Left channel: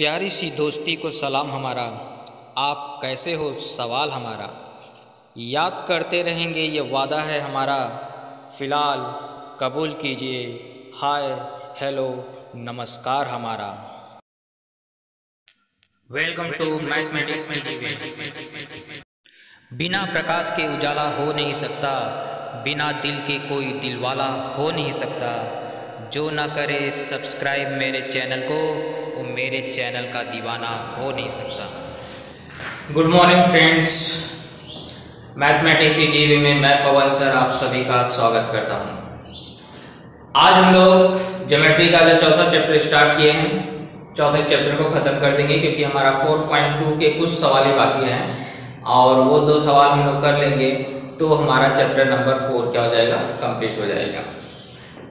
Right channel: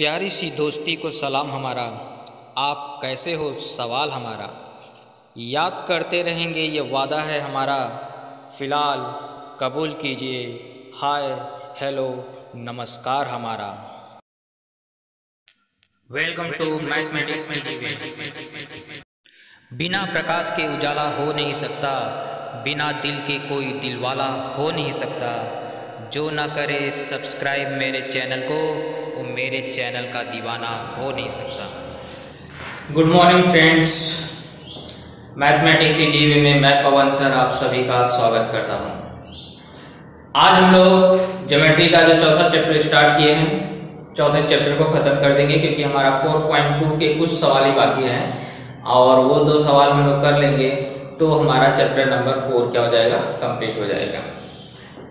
प्यारी सी दोस्ती को सलाम हमारा, आप कैसे हो सवाल हमारा। याद करते रहेंगे ये वादा है हमारा, फ़िलहाल कबूल कीजिए हाय हेलो नमस्कार हमारा। वेलकम टू मैथमेटिक्स कीजिए। बिना प्रकाश के उजाला हो नहीं सकता, बिना दिल के कोई दिलवाला हो नहीं सकता। जो ना करे सब्सक्राइब मेरे चैनल को, वो मेरे चैनल का दीवाना हो नहीं सकता। गुड मॉर्निंग फ्रेंड्स, मैथमेटिक्स जीवी में मैं पवन सर आप सभी का स्वागत करता हूं। आज हम लोग ज्योमेट्री का जो चौथा चैप्टर स्टार्ट किए हैं, चौथे चैप्टर को खत्म कर देंगे क्योंकि हमारा 4.2 के कुछ सवाल ही बाकी हैं और वो दो सवाल हम लोग कर लेंगे तो हमारा चैप्टर नंबर 4 क्या हो जाएगा, कंप्लीट हो जाएगा।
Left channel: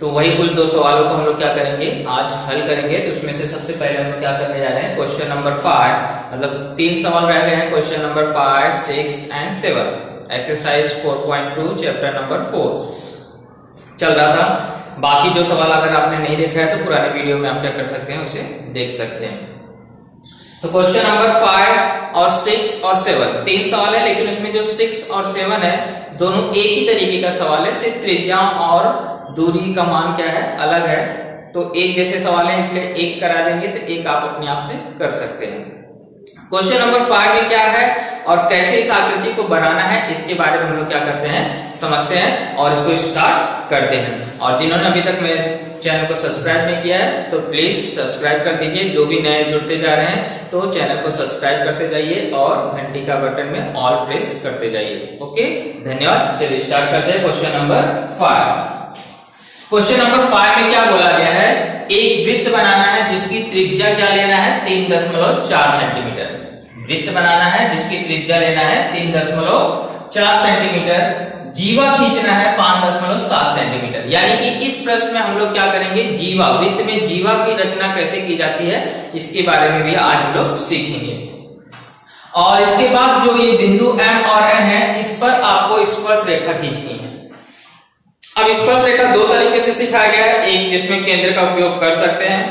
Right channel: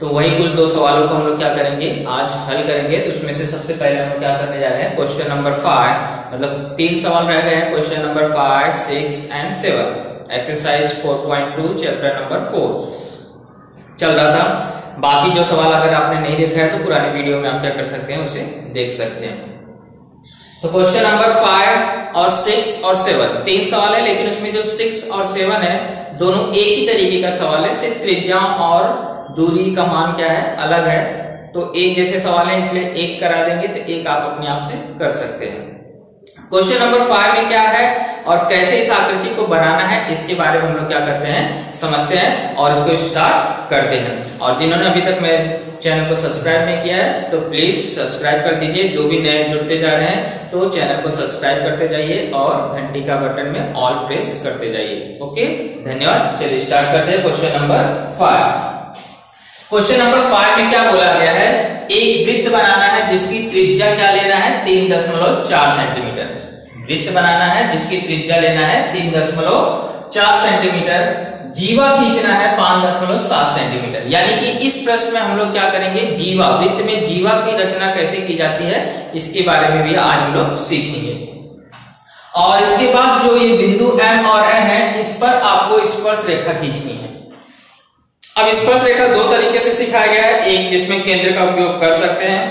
तो वही कुछ दो सवालों को हम लोग क्या करेंगे, आज हल करेंगे। तो उसमें से सबसे पहले हम लोग क्या करने जा रहे हैं, क्वेश्चन नंबर 5, मतलब 3 सवाल रह गए हैं, question number 5, 6 and 7, exercise 4.2 chapter number 4 चल रहा था। बाकी जो सवाल अगर आपने नहीं देखा है तो पुराने वीडियो में आप क्या कर सकते हैं, उसे देख सकते हैं। तो क्वेश्चन नंबर 5 और 6 और 7 3 सवाल है, लेकिन उसमें जो 6 और 7 है दोनों एक ही तरीके का सवाल है, सिर्फ त्रिज्या और दूरी का मान क्या है, अलग है। तो एक जैसे सवाल है इसलिए एक करा देंगे, तो एक आप अपने आप से कर सकते हैं। क्वेश्चन नंबर 5 में क्या है और कैसे इस आकृति को बनाना है, इसके बारे में हम लोग क्या करते हैं, समझते हैं और इसको स्टार्ट करते हैं। और जिन्होंने अभी तक मेरे चैनल को सब्सक्राइब नहीं किया है तो प्लीज सब्सक्राइब कर दीजिए। जो भी नए जुड़ते जा रहे हैं तो चैनल को सब्सक्राइब करते जाइए और घंटी का बटन में ऑल प्रेस करते जाइए। ओके, धन्यवाद। चलिए स्टार्ट करते हैं क्वेश्चन नंबर 5। क्वेश्चन नंबर 5 में क्या बोला गया है, एक वृत्त बनाना है जिसकी त्रिज्या क्या लेना है, 3.4 सेंटीमीटर। वृत्त बनाना है जिसकी त्रिज्या लेना है 3.4 सेंटीमीटर, जीवा खींचना है 5.7 सेंटीमीटर। यानी कि इस प्रश्न में हम लोग क्या करेंगे, जीवा, वृत्त में जीवा की रचना कैसे की जाती है इसके बारे में भी आज हम लोग सीखेंगे। और इसके बाद जो ये बिंदु M और N है, इस पर आपको स्पर्श रेखा खींचनी है। अब स्पर्श रेखा दो तरीके से सिखाया गया है, एक जिसमें केंद्र का उपयोग कर सकते हैं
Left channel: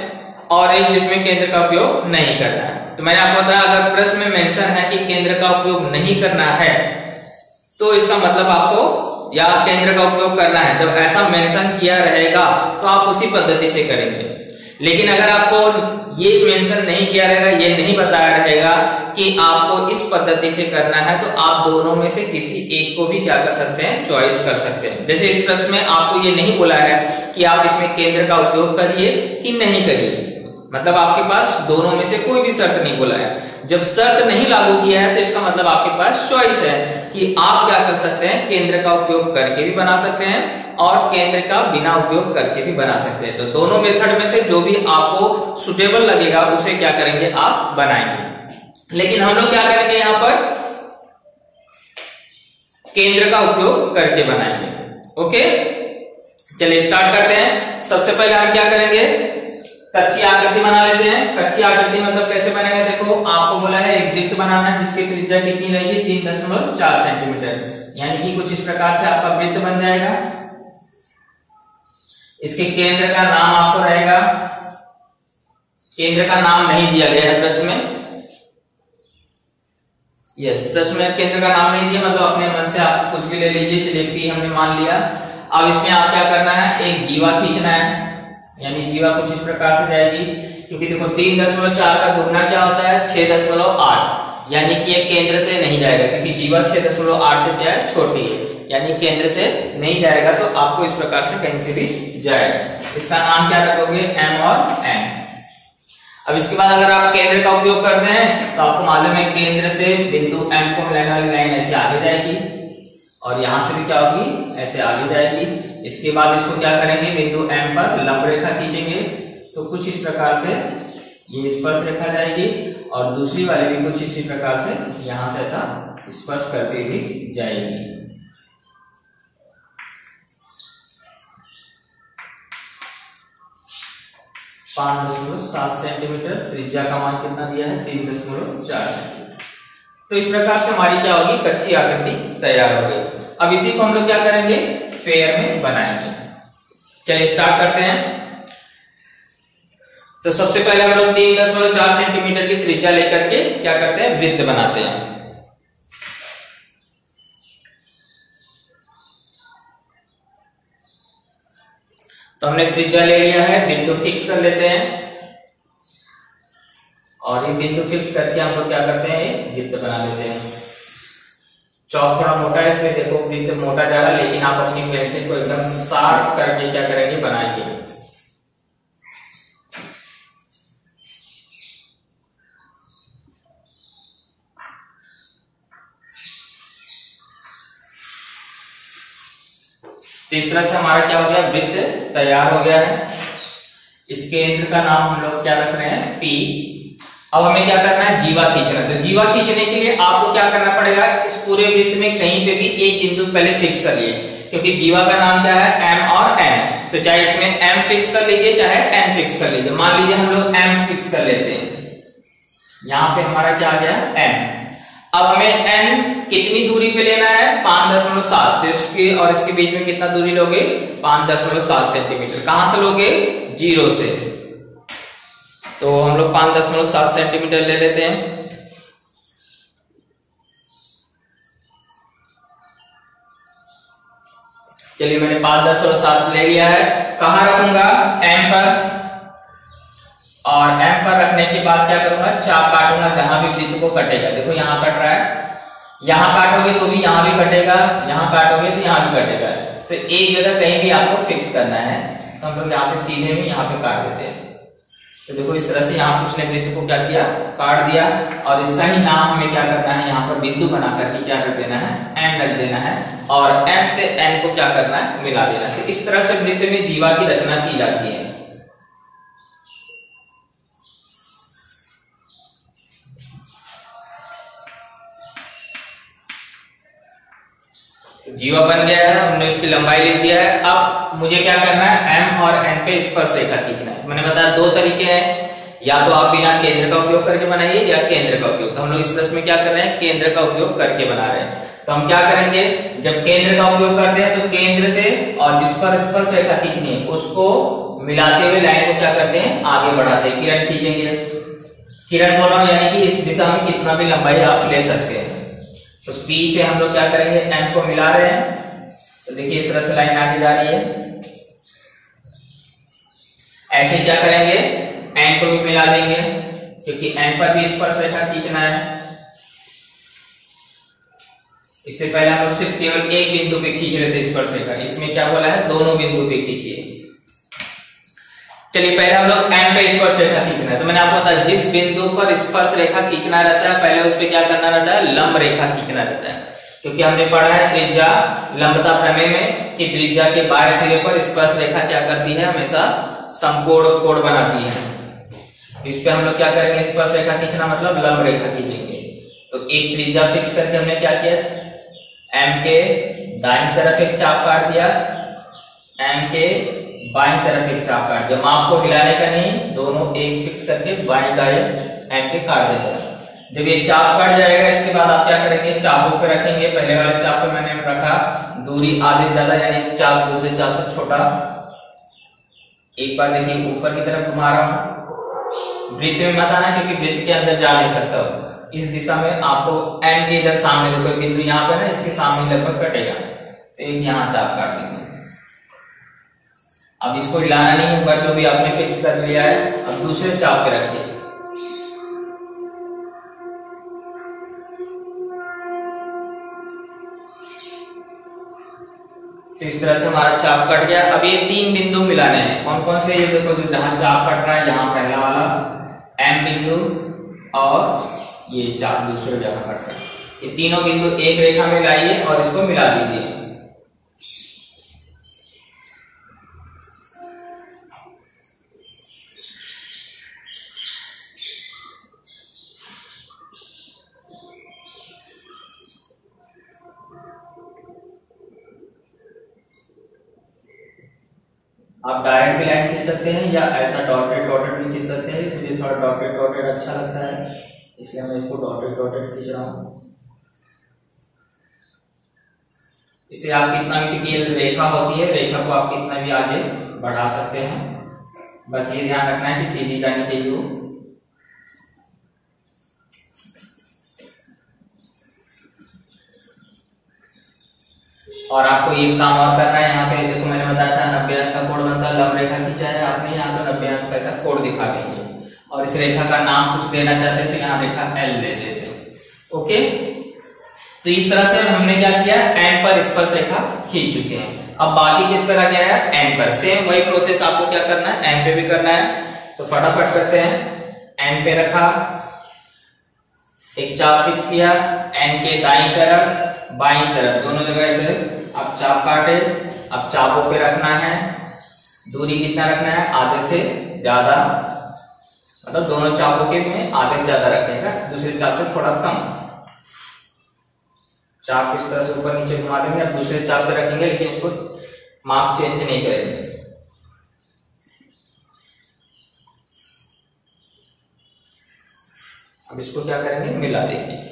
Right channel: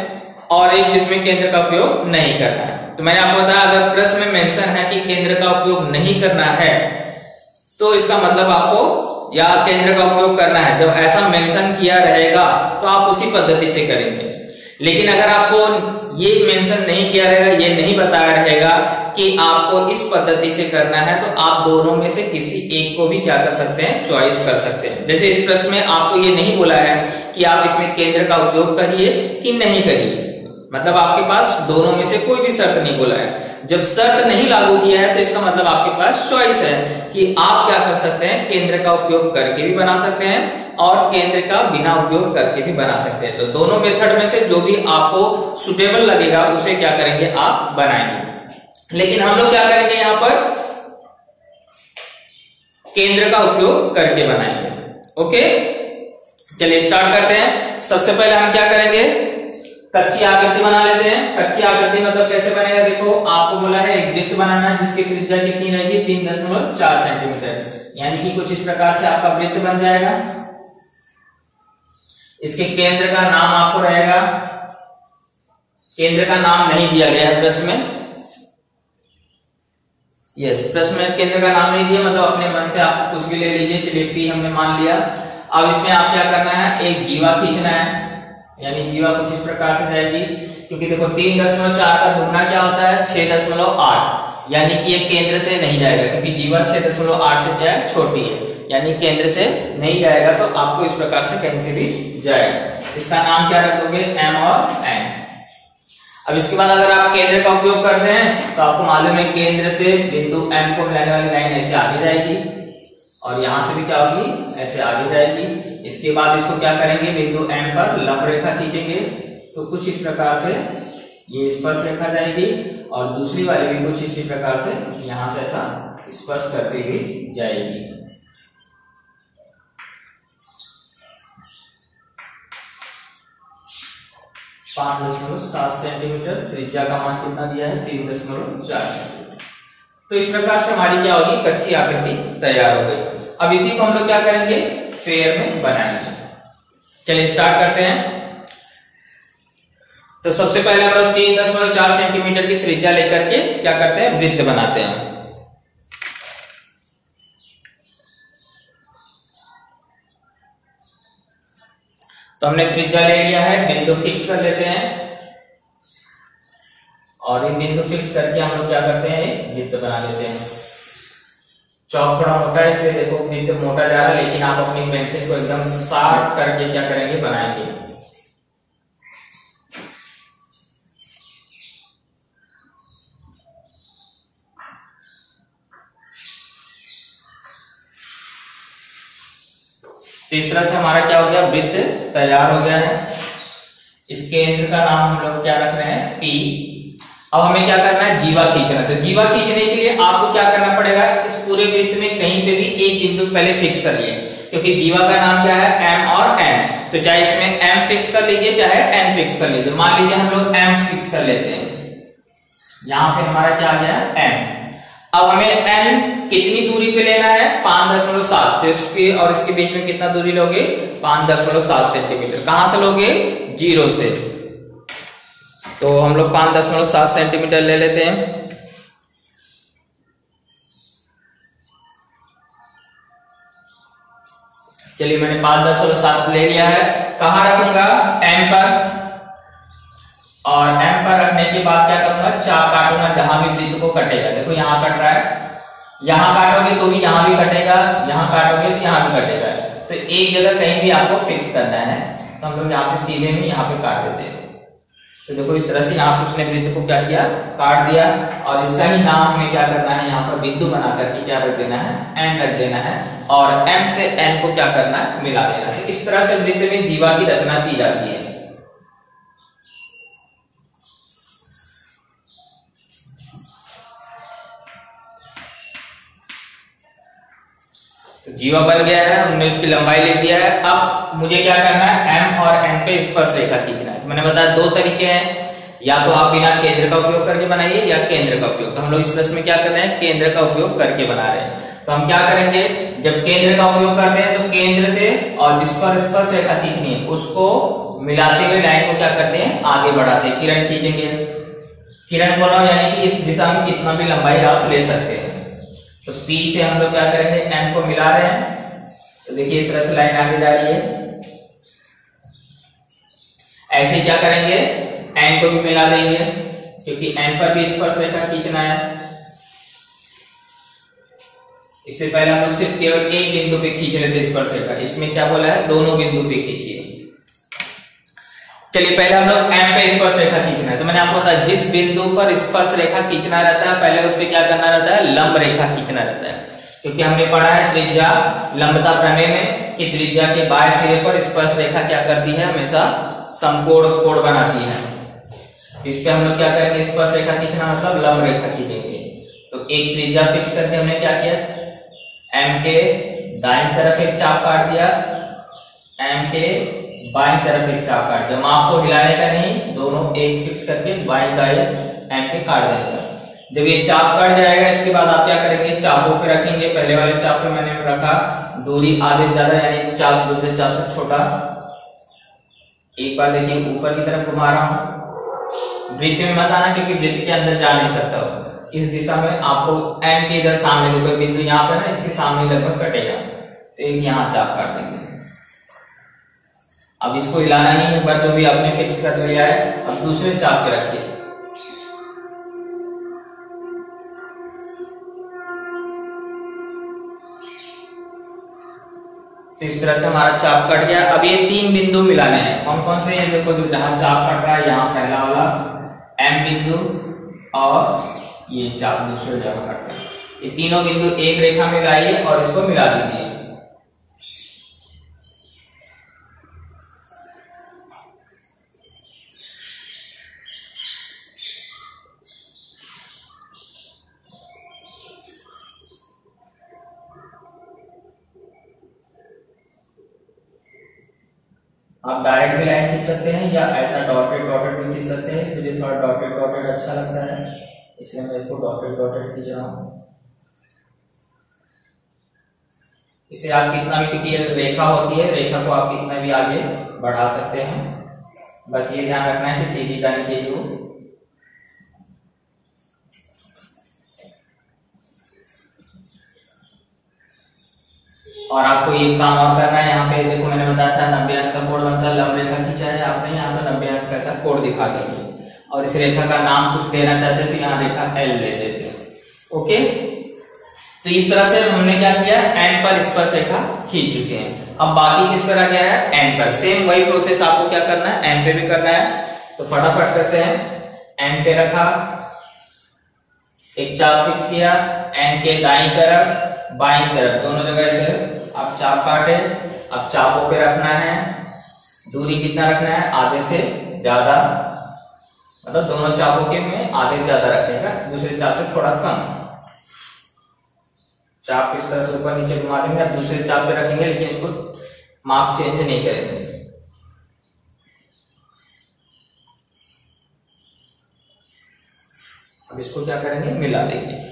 और एक जिसमें केंद्र का उपयोग नहीं करना है। तो मैंने आपको बताया अगर प्रश्न में मेंशन है कि केंद्र का उपयोग नहीं करना है तो इसका मतलब आपको या केंद्र का उपयोग करना है। जब ऐसा मेंशन किया रहेगा तो आप उसी पद्धति से करेंगे। लेकिन अगर आपको ये मेंशन नहीं किया रहेगा, ये नहीं बताया रहेगा कि आपको इस पद्धति से करना है, तो आप दोनों में से किसी एक को भी क्या कर सकते हैं, चॉइस कर सकते हैं। जैसे इस प्रश्न में आपको ये नहीं बोला है कि आप इसमें केंद्र का उपयोग करिए कि नहीं करिए, मतलब आपके पास दोनों में से कोई भी शर्त नहीं बोला है। जब शर्त नहीं लागू किया है तो इसका मतलब आपके पास चॉइस है कि आप क्या कर सकते हैं, केंद्र का उपयोग करके भी बना सकते हैं और केंद्र का बिना उपयोग करके भी बना सकते हैं। तो दोनों मेथड में से जो भी आपको सुटेबल लगेगा उसे क्या करेंगे, आप बनाएंगे। लेकिन हम लोग क्या करेंगे, यहां पर केंद्र का उपयोग करके बनाएंगे। ओके, चलिए स्टार्ट करते हैं। सबसे पहले हम क्या करेंगे, कच्ची आकृति बना लेते हैं। कच्ची आकृति मतलब कैसे बनेगा, देखो आपको बोला है एक वृत्त बनाना है जिसकी त्रिज्या कितनी रहेगी, 3.4 सेंटीमीटर। यानी कि कुछ इस प्रकार से आपका वृत्त बन जाएगा। इसके केंद्र का नाम आपको रहेगा, केंद्र का नाम नहीं दिया गया है प्रश्न में। यस, प्रश्न में केंद्र का नाम नहीं दिया, मतलब अपने मन से आप कुछ भी ले लीजिए। चलिए P हमने मान लिया। अब इसमें आप क्या करना है, एक जीवा खींचना है, यानी जीवा कुछ इस प्रकार से जाएगी। क्योंकि देखो 3.4 का दुगना क्या होता है, 6.8, यानी कि ये केंद्र से नहीं जाएगा क्योंकि जीवा 6.8 से क्या है, छोटी है, यानी केंद्र से नहीं जाएगा। तो आपको इस प्रकार से कहीं से भी जाएगा। इसका नाम क्या रखोगे, M और N। अब इसके बाद अगर आप केंद्र का उपयोग करते हैं तो आपको मालूम है केंद्र से बिंदु M को मिलाने वाली लाइन ऐसे आगे जाएगी और यहां से भी क्या होगी, ऐसे आगे जाएगी। इसके बाद इसको क्या करेंगे, बिंदु M पर लंब रेखा खींचेंगे। तो कुछ इस प्रकार से ये स्पर्श रेखा जाएगी और दूसरी वाली भी कुछ इसी प्रकार से यहां से ऐसा स्पर्श करती हुई जाएगी। पांच 5.7 सेंटीमीटर, त्रिज्या का मान कितना दिया है, 3.4 सेंटीमीटर। तो इस प्रकार से हमारी क्या होगी, कच्ची आकृति तैयार हो गई। अब इसी को हम लोग क्या करेंगे, फेयर में बनाएंगे। चलिए स्टार्ट करते हैं। तो सबसे पहले हम लोग 3.4 सेंटीमीटर की त्रिज्या लेकर के क्या करते हैं, वृत्त बनाते हैं। तो हमने त्रिज्या ले लिया है, बिंदु फिक्स कर लेते हैं और ये बिंदु फिक्स करके हम लोग क्या करते हैं, वृत्त बना लेते हैं। चौक थोड़ा मोटा है इसलिए देखो वृत्त मोटा जा रहा है, लेकिन आप अपनी पेंसिल को एकदम शार्प करके क्या करेंगे, बनाएंगे। तो इस तरह से हमारा क्या हो गया, वृत्त तैयार हो गया है। इस केंद्र का नाम हम लोग क्या रख रहे हैं, P। अब हमें क्या करना है, जीवा खींचना। तो जीवा खींचने के लिए आपको क्या करना पड़ेगा, इस पूरे वृत्त में कहीं पे भी एक बिंदु पहले फिक्स कर लिए, क्योंकि जीवा का नाम क्या है, M और N। तो चाहे इसमें M फिक्स कर लीजिए चाहे N फिक्स कर लीजिए। मान लीजिए हम लोग M फिक्स कर लेते हैं, यहां पे हमारा क्या आ गया, M। अब हमें N कितनी दूरी पे लेना है, 5.7। तो इसके और इसके बीच में कितना दूरी लोगे, 5.7 सेंटीमीटर। कहां से लोगे, 0 से। तो हम लोग 5.7 सेंटीमीटर ले लेते हैं। चलिए मैंने 5.7 ले लिया है। कहां रखूंगा, M पर। और M पर रखने के बाद क्या करूंगा, चाप काटूंगा जहां भी वृत्त को कटेगा। देखो यहां कट रहा है, यहां काटोगे तो भी यहां भी कटेगा, यहां काटोगे तो यहां भी कटेगा। तो एक जगह कहीं भी आपको फिक्स करना है, तो हम लोग यहाँ पे सीधे में यहाँ पे काट देते हैं। तो देखो इस तरह से यहाँ पे उसने वृत्त को क्या किया, काट दिया। और इसका ही नाम हमें क्या करना है, यहाँ पर बिंदु बना करके क्या रख देना है, M रख देना है। और M से N को क्या करना है, मिला देना है। इस तरह से वृत्त में जीवा की रचना की जाती है। जीवा बन गया है, हमने उसकी लंबाई ले दिया है। अब मुझे क्या करना है, M और N पे स्पर्श रेखा खींचना है। तो मैंने बताया दो तरीके हैं, या तो आप बिना केंद्र का उपयोग करके बनाइए या केंद्र का उपयोग। तो हम लोग इस प्रश्न में क्या कर रहे हैं, केंद्र का उपयोग करके बना रहे हैं। तो हम क्या करेंगे, जब केंद्र का उपयोग करते हैं तो केंद्र से और जिस पर स्पर्श रेखा खींचनी है उसको मिलाते हुए लाइन को क्या करते हैं, आगे बढ़ाते हैं। किरण खींचेंगे, किरण बोला यानी कि इस दिशा में कितना भी लंबाई आप ले सकते हैं। तो P से हम लोग क्या करेंगे, M को मिला रहे हैं। तो देखिए इस तरह से लाइन आगे जा रही है। ऐसे क्या करेंगे, N को भी मिला देंगे, क्योंकि N पर भी स्पर्श रेखा खींचना है। इससे पहले हम लोग सिर्फ केवल एक बिंदु पे खींच रहे थे स्पर्श रेखा, इसमें क्या बोला है, दोनों बिंदु पे खींचिए। चलिए पहले हम लोग M पे स्पर्श रेखा खींचना है। तो मैंने आपको बताया जिस बिंदु पर स्पर्श रेखा खींचना रहता है पहले उस पर क्या करना रहता है, लंब रेखा खींचना रहता है। क्योंकि हमने पढ़ा है त्रिज्या लंबता प्रमेय में कि त्रिज्या के बाएं सिरे पर स्पर्श रेखा क्या करती है, हमेशा समकोण कोण बनाती है। तो इस पे हम लोग क्या करेंगे, स्पर्श रेखा खींचना मतलब लंब रेखा खींचेंगे। तो एक त्रिज्या फिक्स करके हमने क्या किया, M के दाईं तरफ एक चाप काट दिया, M के बाईं तरफ एक चाप काट दिया। माप को हिलाने का नहीं, दोनों एक फिक्स करके बाईं दाईं M के काट देते हैं। जब ये चाप कट जाएगा इसके बाद आप क्या करेंगे, चापों पे रखेंगे। पहले वाले चाप पे मैंने रखा दूरी आधे ज्यादा, यानी चाप दूसरे चाप से छोटा। एक बार देखिए ऊपर की तरफ घुमा रहा हूं, वृत्त में मत आना क्योंकि वृत्त के अंदर जा नहीं सकता हो। इस दिशा में आपको N के इधर सामने को कोई बिंदु यहाँ पे ना, इसके सामने लगभग कटेगा। तो एक यहाँ चाप काट देंगे। अब इसको हिलाना नहीं है, ऊपर जो भी आपने फिक्स कर लिया है अब दूसरे चाप पे रखिए। तो इस तरह से हमारा चाप कट गया। अब ये तीन बिंदु मिलाने हैं। कौन कौन से, ये देखो जो जहां चाप कट रहा है यहाँ पहला वाला M बिंदु और ये चाप दूसरे जगह कट रहा है। ये तीनों बिंदु एक रेखा में लाइए और इसको मिला दीजिए। आप डायरेक्ट भी लाइन खींच सकते हैं या ऐसा डॉटेड डॉटेड भी खींच सकते हैं। मुझे थोड़ा डॉटेड डॉटेड अच्छा लगता है इसलिए मैं इसको डॉटेड डॉटेड खींच रहा हूं। इसे आप कितना भी, क्योंकि रेखा होती है, रेखा को आप कितना भी आगे बढ़ा सकते हैं। बस ये ध्यान रखना है कि सीधी जानी चाहिए वो। और आपको ये काम और करना है, यहाँ पे देखो मैंने बताया था 90 अंश का कोण बनता है, लंब रेखा खींचा है आपने, यहाँ तो 90 अंश का ऐसा कोण दिखा देंगे। और इस रेखा का नाम कुछ देना चाहते हैं तो यहाँ रेखा एल ले देते हैं। ओके, तो इस तरह से हमने क्या किया, एंड पर स्पर्श रेखा खींच चुके हैं। अब बाकी किस पर आ गया है, एंड पर। सेम वही प्रोसेस आपको क्या करना है, एंड पे भी करना है। तो फटाफट करते हैं। एंड पे रखा, एक चाप फिक्स किया, एंड के दाईं तरफ बाईं तरफ दोनों जगह ऐसे अब चाप काटे। अब चापों पे रखना है, दूरी कितना रखना है, आधे से ज्यादा, मतलब दोनों चापों के में आधे से ज्यादा रखिएगा, दूसरे चाप से थोड़ा कम। चाप इस तरह से ऊपर नीचे घुमा देंगे, अब दूसरे चाप पे रखेंगे, लेकिन इसको माप चेंज नहीं करेंगे। अब इसको क्या करेंगे, मिला देंगे।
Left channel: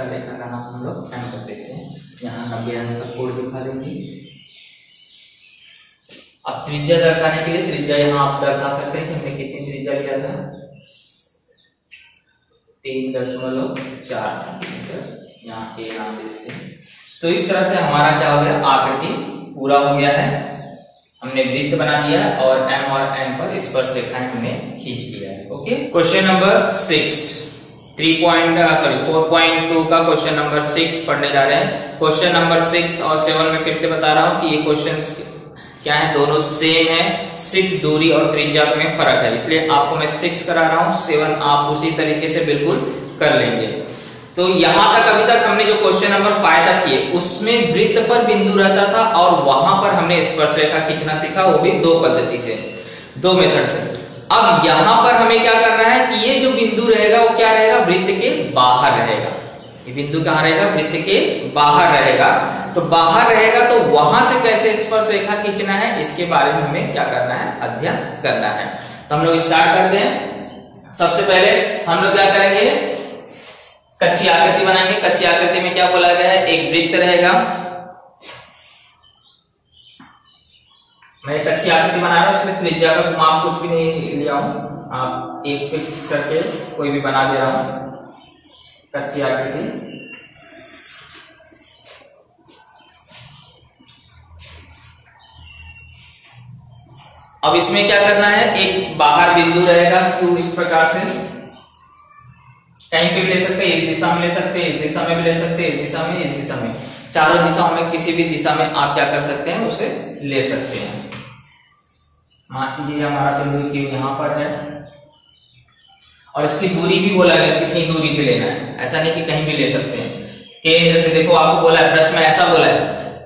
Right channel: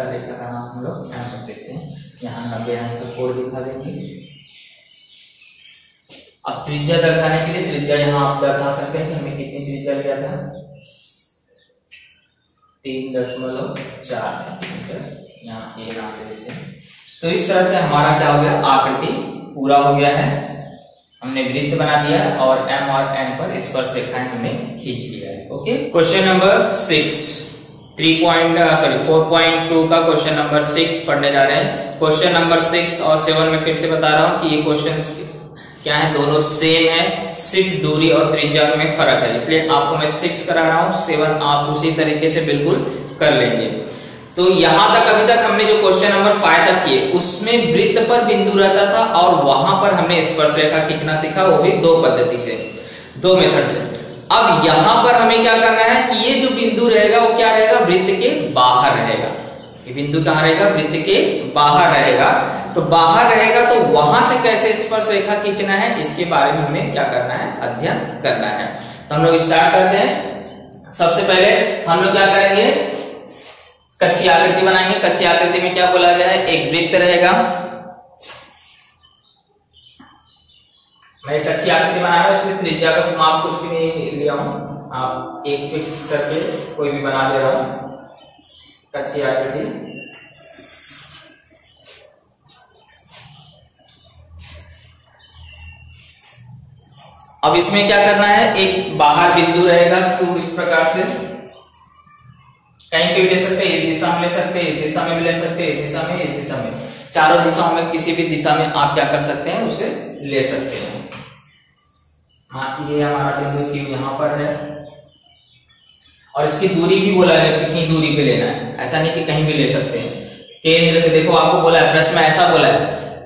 रेखा का नाम हम लोग एंड कर देते हैं। यहाँ 90 अंश का कोण दिखा देंगे। अब त्रिज्या दर्शाने के लिए त्रिज्या यहाँ आप दर्शा सकते हैं कि हमने कितनी त्रिज्या लिया था, 3.4 सेंटीमीटर। यहाँ ए नाम दे देते हैं। तो इस तरह से हमारा क्या हो गया, आकृति पूरा हो गया है। हमने वृत्त बना दिया है और एम और एन पर स्पर्श रेखाएं हमने खींच लिया है। ओके, क्वेश्चन नंबर 4.2 का क्वेश्चन नंबर 6 पढ़ने जा रहे हैं। क्वेश्चन नंबर 6 और 7 में फिर से बता रहा हूं कि ये क्वेश्चंस क्या है, दोनों सेम है, सिर्फ दूरी और त्रिज्या में फर्क है, इसलिए आपको मैं 6 करा रहा हूं, 7 आप उसी तरीके से बिल्कुल कर लेंगे। तो यहां तक अभी तक हमने जो क्वेश्चन नंबर 5 तक किए उसमें वृत्त पर बिंदु रहता था और वहां पर हमने स्पर्श रेखा खींचना सीखा, वो भी 2 पद्धति से, 2 मेथड से। अब यहां पर हमें क्या करना है कि ये जो बिंदु रहेगा वो क्या रहेगा, वृत्त के बाहर रहेगा। ये बिंदु कहां रहेगा, वृत्त के बाहर रहेगा। तो बाहर रहेगा तो वहां से कैसे स्पर्श रेखा खींचना है, इसके बारे में हमें क्या करना है, अध्ययन करना है। तो हम लोग स्टार्ट करते हैं। सबसे पहले हम लोग क्या करेंगे, कच्ची आकृति बनाएंगे। कच्ची आकृति में क्या बोला गया है, एक वृत्त रहेगा। मैं कच्ची आकृति बना रहा हूं, इसमें त्रिज्या का माप कुछ भी नहीं लिया हूं, आप एक फिक्स करके कोई भी बना दे रहा हूं कच्ची आकृति। अब इसमें क्या करना है, एक बाहर बिंदु रहेगा, तो इस प्रकार से कहीं पे भी ले सकते हैं, इस दिशा में ले सकते हैं, इस दिशा में भी ले सकते हैं, इस दिशा में, इस दिशा में, चारों दिशाओं में किसी भी दिशा में आप क्या कर सकते हैं, उसे ले सकते हैं। ये हमारा बिंदु क्यू यहाँ पर है और इसकी दूरी भी बोला है कितनी दूरी पे लेना है, ऐसा नहीं कि कहीं भी ले सकते हैं। केंद्र से, देखो आपको बोला है प्रश्न में, ऐसा बोला है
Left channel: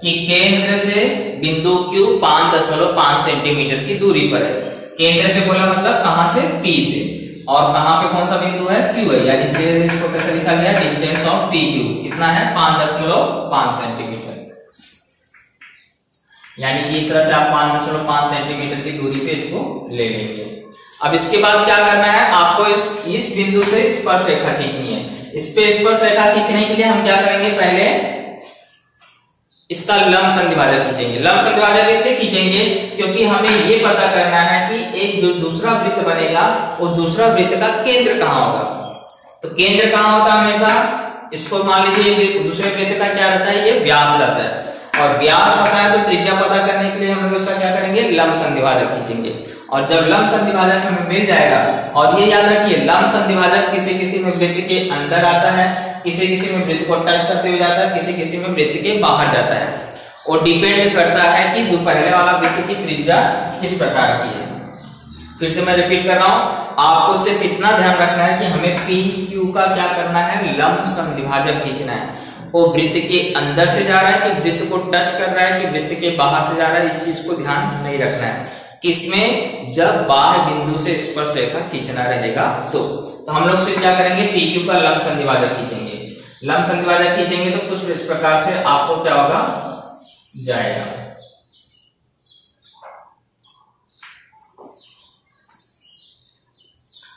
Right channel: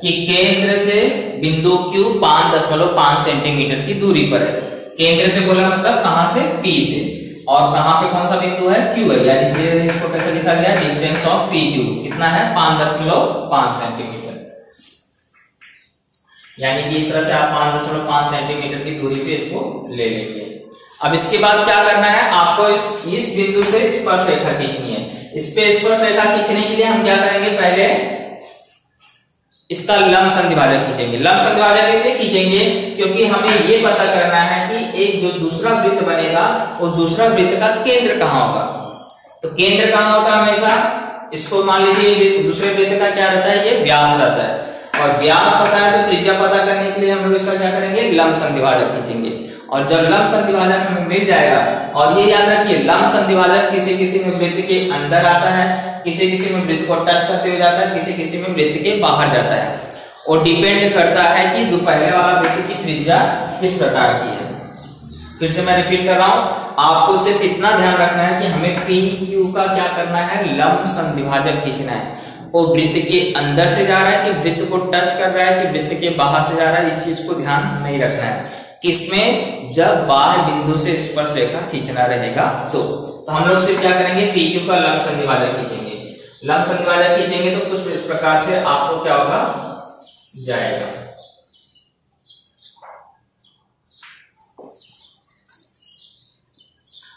कि केंद्र से बिंदु क्यू 5.5 सेंटीमीटर की दूरी पर है। केंद्र से बोला मतलब कहां से, पी से, और कहां पे कौन सा बिंदु है, क्यू है, यानी इसलिए इसको कैसे लिखा गया, डिस्टेंस ऑफ पी क्यू कितना है, 5.5 सेंटीमीटर। यानी कि इस तरह से आप 5.5 सेंटीमीटर की दूरी पे इसको ले लेंगे। अब इसके बाद क्या करना है, आपको इस बिंदु से स्पर्श रेखा खींचनी है। इस पे स्पर्श रेखा खींचने के लिए हम क्या करेंगे, पहले इसका लंब संधिभाजक खींचेंगे। लंब संधिभाजक इसलिए खींचेंगे क्योंकि हमें ये पता करना है कि एक जो दूसरा वृत्त बनेगा वो दूसरा वृत्त का केंद्र कहां होगा। तो केंद्र कहां होता है हमेशा, इसको मान लीजिए दूसरे वृत्त का क्या रहता है, ये व्यास रहता है, और व्यास पता है तो त्रिज्या पता करने के लिए हम लोग इसका क्या करेंगे, लंब संधिभाजक खींचेंगे। और जब लंब संधिभाजक हमें मिल जाएगा, और ये याद रखिए लंब संधिभाजक किसी किसी में वृत्त के अंदर आता है, किसी किसी में वृत्त को टच करते हुए जाता है, किसी किसी में वृत्त के बाहर जाता है, और डिपेंड करता है कि जो पहले वाला वृत्त की त्रिज्या किस प्रकार की है। फिर से मैं रिपीट कर रहा हूं, आपको सिर्फ इतना ध्यान रखना है कि हमें पी क्यू का क्या करना है, लंब संधिभाजक खींचना है। वो वृत्त के अंदर से जा रहा है कि वृत्त को टच कर रहा है कि वृत्त के बाहर से जा रहा है, इस चीज को ध्यान नहीं रखना है। किसमें? जब बाह्य बिंदु से स्पर्श रेखा खींचना रहेगा तो हम लोग सिर्फ क्या करेंगे, PQ का लंब संधिभाजक खींचेंगे। लंब संधिभाजक खींचेंगे तो कुछ इस प्रकार से आपको क्या होगा, जाएगा।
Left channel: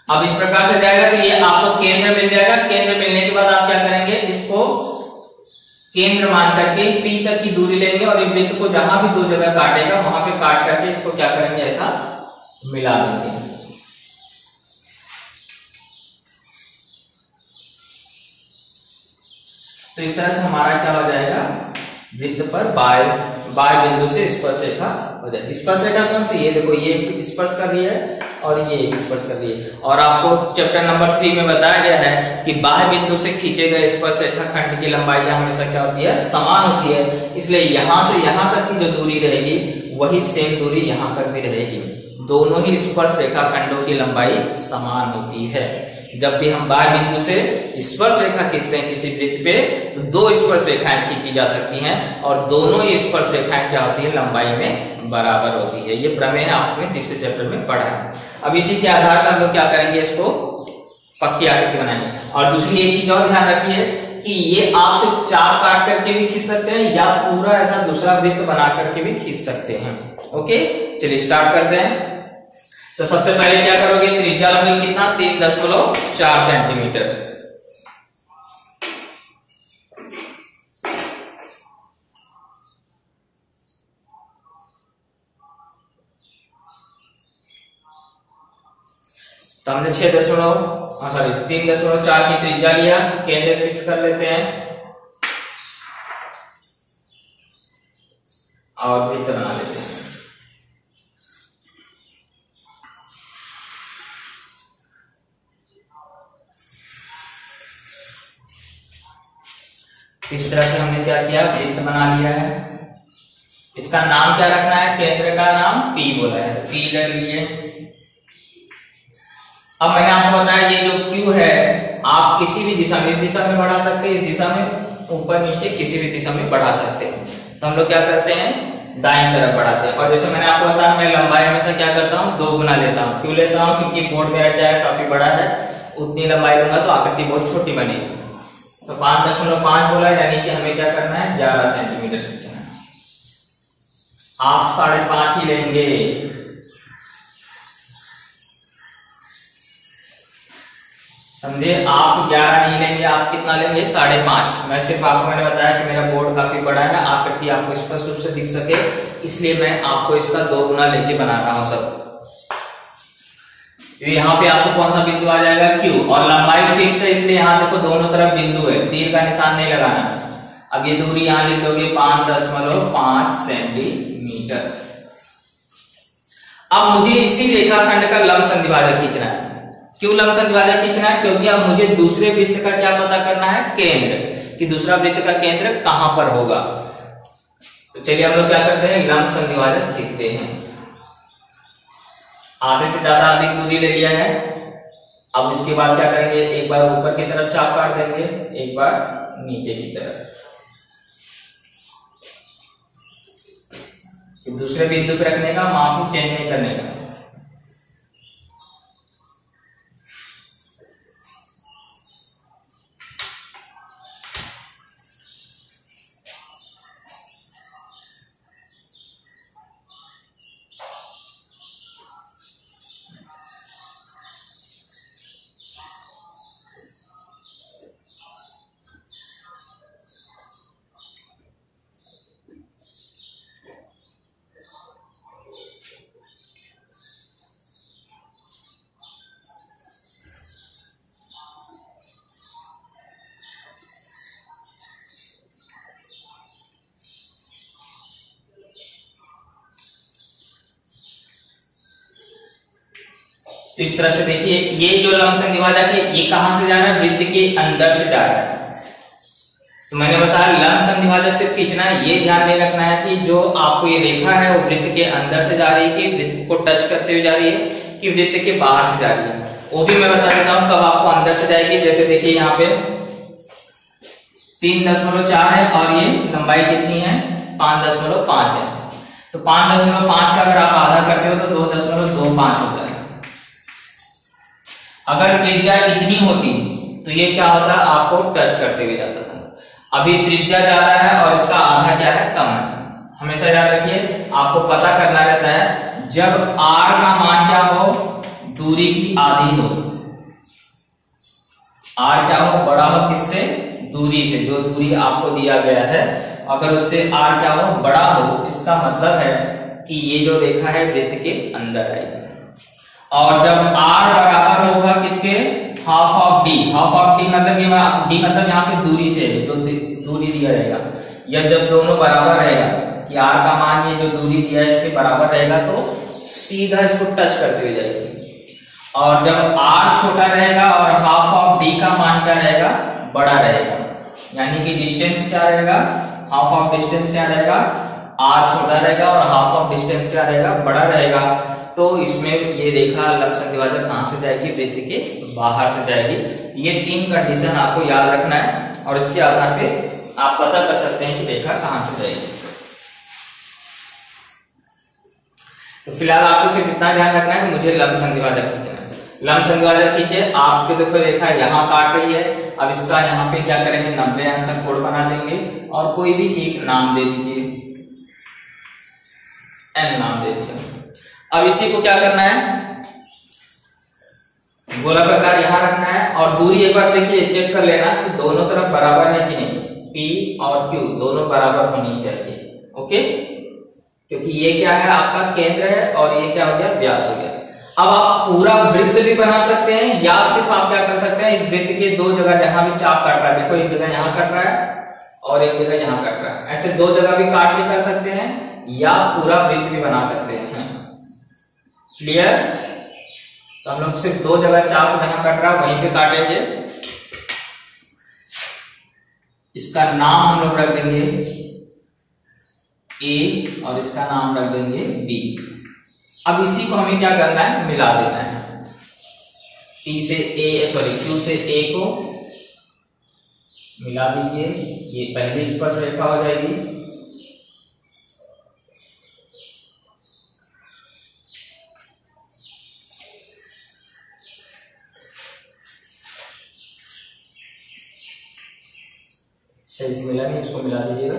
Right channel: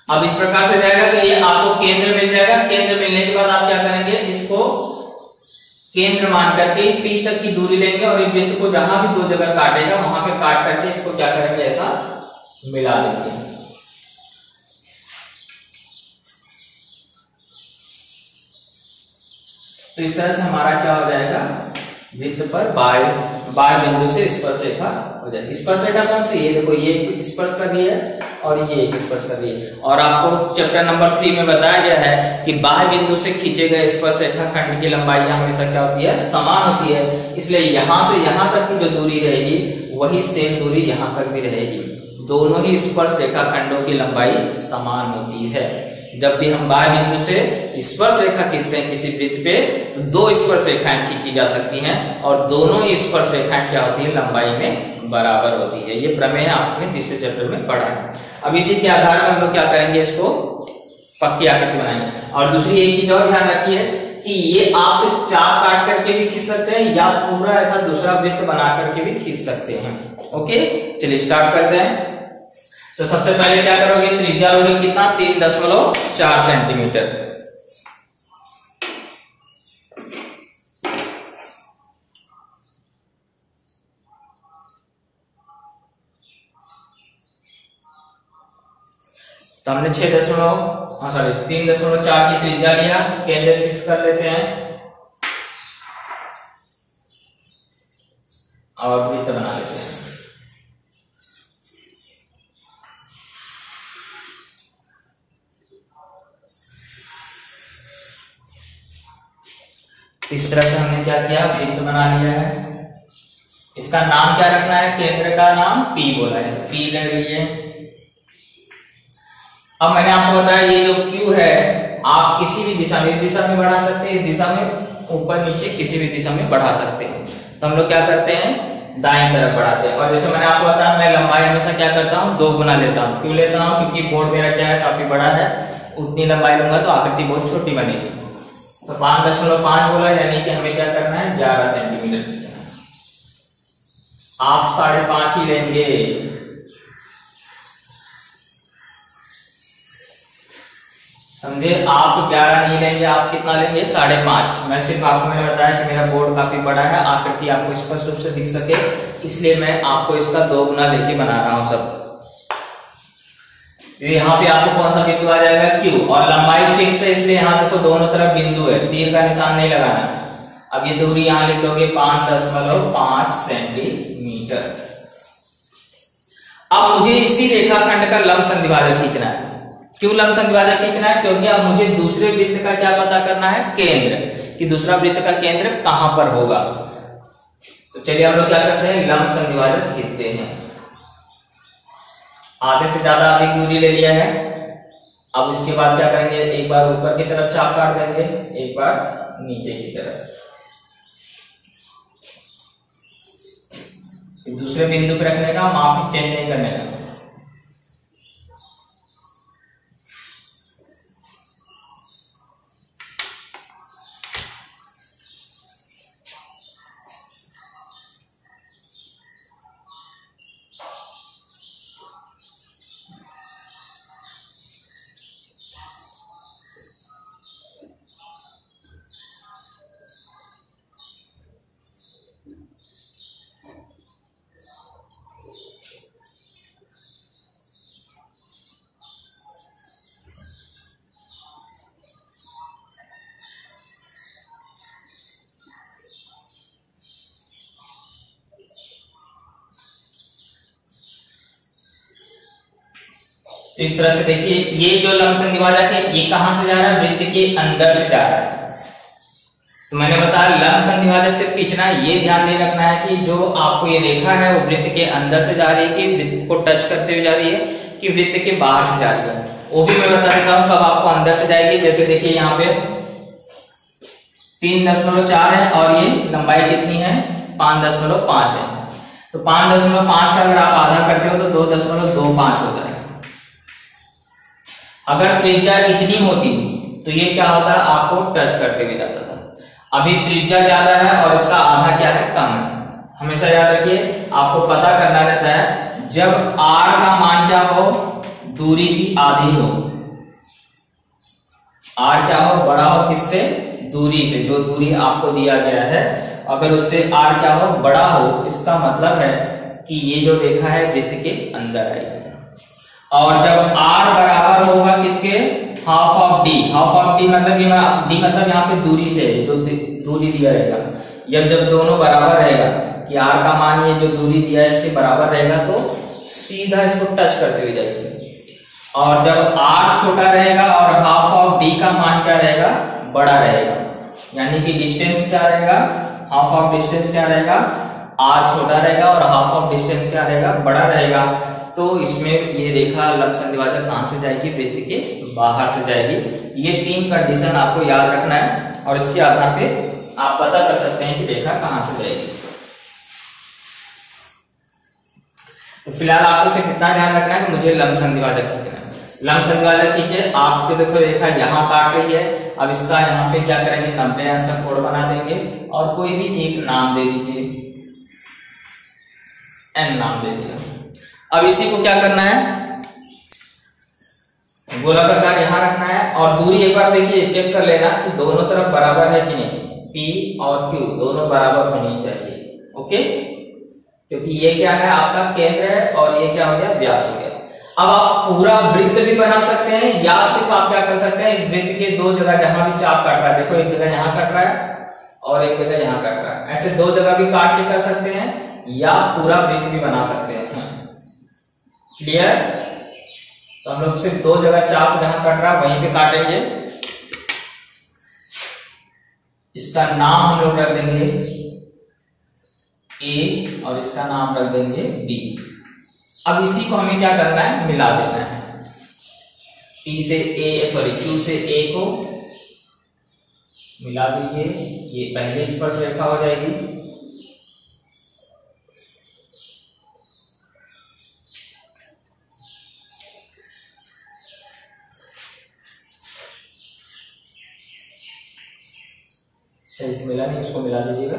अब इस प्रकार से जाएगा तो ये आपको केंद्र मिल जाएगा। केंद्र मिलने के बाद आप क्या करेंगे, इसको केंद्र मान करके P तक की दूरी लेंगे और इस वृत्त को जहां भी 2 जगह काटेगा वहां पे काट करके इसको क्या करेंगे, ऐसा मिला देंगे। तो इस तरह से हमारा क्या हो जाएगा, वृत्त पर बाह्य बिंदु से स्पर्श रेखा हो जाएगी। स्पर्श रेखा कौन सी? ये देखो, ये स्पर्श कर रही है और ये एक स्पर्श कर रही है। और आपको चैप्टर नंबर 3 में बताया गया है कि बाह्य बिंदु से खींचे गए स्पर्श रेखा खंड की लंबाई हमेशा क्या होती है, समान होती है। इसलिए यहां से यहां तक की जो दूरी रहेगी वही सेम दूरी यहां तक भी रहेगी। दोनों ही स्पर्श रेखा खंडों की लंबाई समान होती है। जब भी हम बाह्य बिंदु से स्पर्श रेखा खींचते हैं किसी वृत्त पे तो 2 स्पर्श रेखाएं खींची जा सकती हैं और दोनों ही स्पर्श रेखाएं क्या होती है, लंबाई में बराबर होती है। ये प्रमेय आपने तीसरे चैप्टर में पढ़ा है। अब इसी के आधार पर हम लोग क्या करेंगे, इसको पक्की आकृति बनाएंगे। और दूसरी एक चीज और ध्यान रखिए कि ये आप सिर्फ चाप काट करके भी खींच सकते हैं या पूरा ऐसा दूसरा वृत्त बना करके भी खींच सकते हैं। ओके, चलिए स्टार्ट करते हैं। तो सबसे पहले क्या करोगे, त्रिज्या लोगे कितना, 3.4 सेंटीमीटर। तो हमने 3.4 की त्रिज्या लिया, केंद्र फिक्स कर लेते हैं और वृत्त बना लेते हैं। इस तरह से हमने क्या किया, वृत्त बना लिया है। इसका नाम क्या रखना है, केंद्र का नाम P बोला है, P ले लिए। अब मैंने आपको बताया ये जो Q है आप किसी भी दिशा में, इस दिशा में बढ़ा सकते हैं, इस दिशा में, ऊपर नीचे किसी भी दिशा में बढ़ा सकते हैं। तो हम लोग क्या करते हैं, दाईं तरफ बढ़ाते हैं। और जैसे मैंने आपको बताया मैं लंबाई हमेशा क्या करता हूँ, 2 गुना लेता हूँ। क्यों लेता हूँ, क्योंकि बोर्ड मेरा क्या है, काफी बड़ा है, उतनी लंबाई लूंगा तो आकृति बहुत छोटी बनेगी। तो 5.5 बोला, यानी कि हमें क्या करना है, 11 सेंटीमीटर खींचना है। आप 5.5 ही लेंगे। समझे, आप 11 नहीं लेंगे, आप कितना लेंगे, 5.5। मैं सिर्फ आपको मैंने बताया कि मेरा बोर्ड काफी बड़ा है, आकृति आपको स्पष्ट रूप से दिख सके, इसलिए मैं आपको इसका 2 गुना लेके बना रहा हूं सब। यहाँ पे आपको कौन सा बिंदु आ जाएगा, Q, और लंबाई फिक्स है इसलिए यहाँ देखो दोनों तरफ बिंदु है, तीर का निशान नहीं लगाना। अब ये दूरी यहाँ लिख दोगे 5.5 सेंटीमीटर। अब मुझे इसी रेखाखंड का लंब संधिभाजक खींचना है। क्यों लंब संधिभाजक खींचना है, क्योंकि अब मुझे दूसरे वृत्त का क्या पता करना है, केंद्र, कि दूसरा वृत्त का केंद्र कहां पर होगा। तो चलिए हम लोग क्या करते हैं, लंब संधिभाजक खींचते हैं। आधे से ज्यादा अधिक दूरी ले लिया है। अब इसके बाद क्या करेंगे, एक बार ऊपर की तरफ चाप काट देंगे, एक बार नीचे की तरफ। दूसरे बिंदु पर रखने का, माप चेंज नहीं करने का। तो इस तरह से देखिए, ये जो लंब संधिभाजक है ये कहां से जा रहा है, वृत्त के अंदर से जा रहा है। तो मैंने बताया लंब संधिभाजक से खींचना है, ये ध्यान नहीं रखना है कि जो आपको ये रेखा है वो वृत्त के अंदर से जा रही है कि वृत्त को टच करते हुए जा रही है कि वृत्त के बाहर से जा रही है। वो भी मैं बता देता हूं कब आपको अंदर से जाएगी। जैसे देखिए यहाँ पे 3.4 है और ये लंबाई कितनी है, 5.5 है। तो 5.5 का अगर आप आधा करते हो तो 2.25 होता है। अगर त्रिज्या इतनी होती तो ये क्या होता है, आपको टच करते हुए जाता था। अभी त्रिज्या ज्यादा है और इसका आधा क्या है, कम है। हमेशा याद रखिए, आपको पता करना रहता है जब r का मान क्या हो, दूरी की आधी हो, r क्या हो, बड़ा हो किससे, दूरी से, जो दूरी आपको दिया गया है, अगर उससे r क्या हो, बड़ा हो, इसका मतलब है कि ये जो रेखा है वृत्त के अंदर आएगी। और जब r बराबर होगा किसके, half of d, half of d मतलब d मतलब यहाँ पे दूरी से जो दूरी दिया रहेगा, या जब दोनों बराबर रहेगा कि r का मान ये जो दूरी दिया है इसके बराबर रहेगा तो सीधा इसको टच करते हुए जाएगी। और जब r छोटा रहेगा और हाफ ऑफ d का मान क्या रहेगा, बड़ा रहेगा, यानी कि डिस्टेंस क्या रहेगा, हाफ ऑफ डिस्टेंस क्या रहेगा, r छोटा रहेगा और हाफ ऑफ डिस्टेंस क्या रहेगा, बड़ा रहेगा। तो इसमें ये रेखा लंब संधिभाजक कहां से जाएगी, वृत्त के बाहर से जाएगी। ये 3 कंडीशन आपको याद रखना है और इसके आधार पे आप पता कर सकते हैं कि रेखा कहां से जाएगी। तो फिलहाल आपको सिर्फ इतना ध्यान रखना है कि मुझे लंब संधिभाजक खींचना है। लंब संधिभाजक खींचे, आपके देखो रेखा यहाँ काट रही है, अब इसका यहाँ पे क्या करेंगे, 90 अंश का कोण बना देंगे और कोई भी एक नाम दे दीजिए, n नाम दे दिया। अब इसी को क्या करना है, गोलाकार यहां रखना है और दूरी एक बार देखिए चेक कर लेना कि दोनों तरफ बराबर है कि नहीं, P और Q दोनों बराबर होनी चाहिए। ओके, क्योंकि ये क्या है, आपका केंद्र है और ये क्या हो गया, व्यास हो गया। अब आप पूरा वृत्त भी बना सकते हैं या सिर्फ आप क्या कर सकते हैं, इस वृत्त के 2 जगह जहां भी चाप कट रहा है, देखो एक जगह यहां कट रहा है और एक जगह यहां कट रहा है, ऐसे 2 जगह भी काट के कर सकते हैं या पूरा वृत्त भी बना सकते हैं। क्लियर? तो हम लोग सिर्फ 2 जगह चाप जहां कट रहा है वहीं पे काटेंगे। इसका नाम हम लोग रख देंगे A और इसका नाम रख देंगे B। अब इसी को हमें क्या करना है, मिला देना है। Q से A को मिला दीजिए, ये पहली स्पर्श रेखा हो जाएगी। सही से मिला नहीं, इसको मिला दीजिएगा।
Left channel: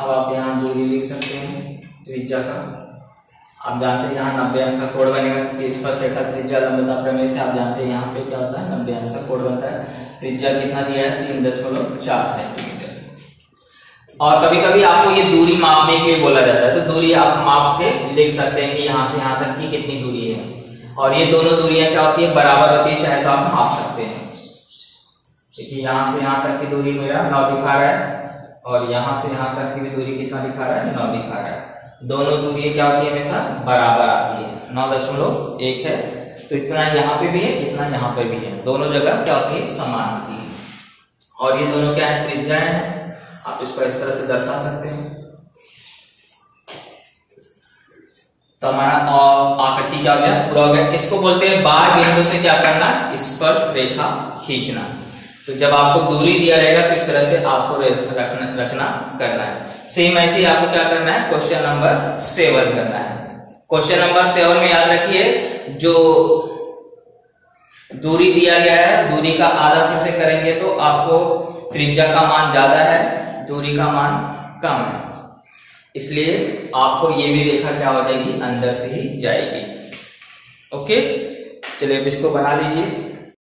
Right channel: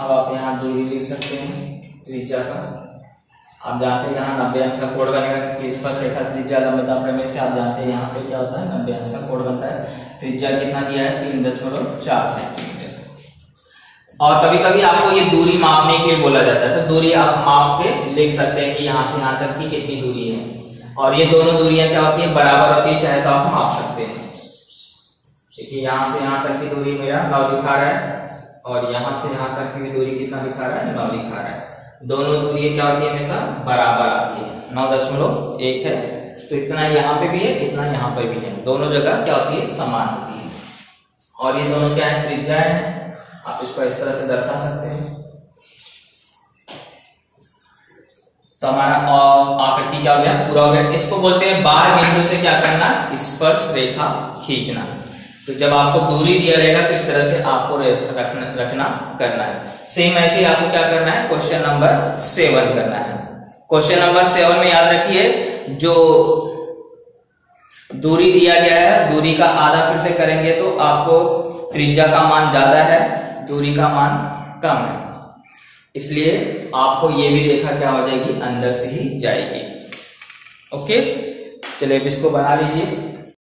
अब आप यहाँ दूरी लिख सकते हैं त्रिज्या का। आप जानते हैं यहाँ 90 अंश का कोण बनेगा क्योंकि स्पर्श रेखा त्रिज्या लंबता प्रमेय से आप जानते हैं यहाँ पे क्या होता है, 90 अंश का कोण बनता है। त्रिज्या कितना दिया है, 3.4 सेंटीमीटर। और कभी कभी आपको ये दूरी मापने के लिए बोला जाता है, तो दूरी आप माप के लिख सकते हैं कि यहाँ से यहाँ तक की कितनी दूरी है। और ये दोनों दूरियां क्या होती है, बराबर होती है, चाहे तो आप माप सकते हैं। देखिए यहाँ से यहाँ तक की दूरी मेरा 9 दिखा रहा है और यहाँ से यहाँ तक की भी दूरी कितना दिखा रहा है, 9 दिखा रहा है। दोनों दूरी क्या होती है, हमेशा बराबर आती है, 9.1 है। तो इतना यहाँ पे भी है, इतना यहाँ पे भी है, दोनों जगह क्या होती है, समान होती है। और ये दोनों क्या है, त्रिज्याएं हैं। आप इसको इस तरह से दर्शा सकते हैं। तो हमारा आकृति क्या हो गया, पूरा हो गया। इसको बोलते हैं बाह्य बिंदु से क्या करना, स्पर्श रेखा खींचना। तो जब आपको दूरी दिया रहेगा तो इस तरह से आपको रचना करना है। सेम ऐसे ही आपको क्या करना है, क्वेश्चन नंबर 7 करना है। क्वेश्चन नंबर 7 में याद रखिए, जो दूरी दिया गया है, दूरी का आधा फिर से करेंगे तो आपको त्रिज्या का मान ज्यादा है, दूरी का मान कम है, इसलिए आपको ये भी रेखा क्या हो जाएगी, अंदर से ही जाएगी। ओके, चलिए इसको बना लीजिए।